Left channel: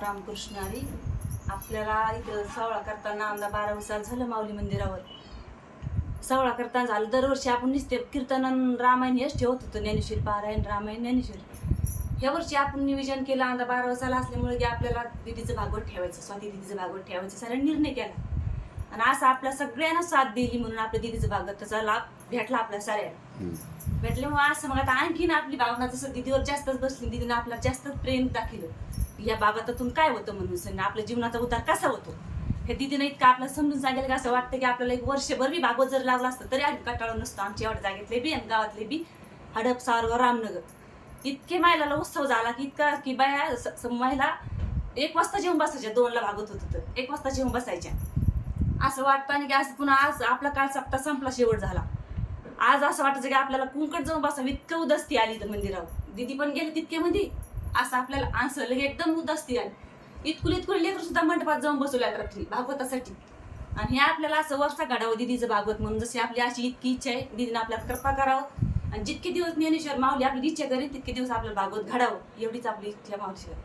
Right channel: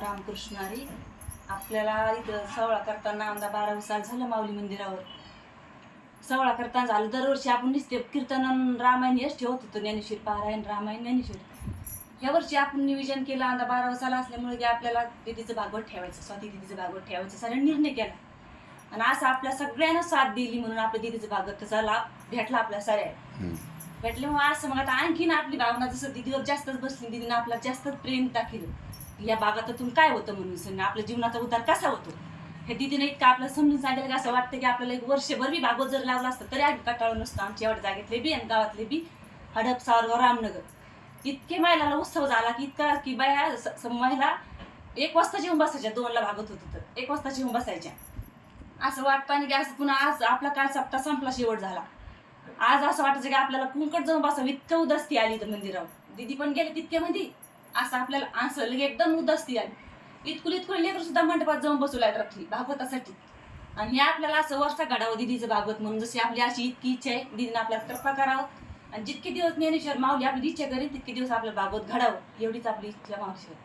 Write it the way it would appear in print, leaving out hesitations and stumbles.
रामकृष्ण हरी. आपल्याला इथं सोहळा करताना आमदा 12 साल झालं माऊली मंदिरावर. सोहळा करताना झालं दरवर्षी आपण नुसते कीर्तन रामायण हेच ठेवत होतो, ज्ञानेश्वरी पारायण रामायण ज्ञानेश्वरी. ह्या वर्षी आपण नियोजन केलं आमदा 12 साल असल्यामुळे की आपल्याला दीदीचं भागवत ठेवायचं, स्वाती दीदीचं भागवत ठेवायचं सगळ्यांनी निर्णय केला. आणि असं आपल्या सगळ्यांना साथ दिली म्हणून आपल्या दीदीचं भागवताचा लाभ भेटला आपल्या सगळ्या भेटल्यामुळे असं मग आता आणखीन आपली भावना जसं दीदीवर जास्तच बसली, दीदीने आपल्याला जास्तच प्रेम दाखवलं. या भागातातून काय होतं म्हणून आपल्या जीवनाचा उद्धार कसा होतो हे दीदीने इतकं आपल्याला समजून सांगितलं की असं वाटतं की आपल्याला एक वर्षभर बी भागवत जर लावलं असतं तरी आम्ही कटाळलं नसतं. आमच्या एवढ्या जागेतले बी आणि गावातले बी हडप सावरगाव रामनगर इतके महिलाला उत्सव झाला की इतका की बाया महिला 1 वाजता जेवून बसायच्या, 2ला भागवत होतं तर 1 वाजता जेवून बसायच्या. असं वाटतं आणि की असं पुन्हा आज आपला काळ सप्ताह संपला, शेवट झाला. आज असं वाटायचं की आपल्याला कुंकट जाऊन बसावं इतकं उदास्ती आली तर मंदिरावर. दीदी पण गेले तितक्यामध्ये असं आपल्याला असं लगे एकदम उदास्ती आली. इतकुली लेकरं सुद्धा मंडपात जाऊन बसवल्यात रात्री भागवतासाठी. आणि हे आपल्याला असं वर्षा घडावं दीदीचं भागवत म्हणून. जशी आपली अशी इतकी इच्छा आहे दीदीने आपल्याला कृपा करावं आणि जितके दिवस ज्ञानेश्वर माऊली आपली इच्छा करेल तितके दिवस आपलं भागवत घडावं एवढीच आपली इच्छा मावशीवर.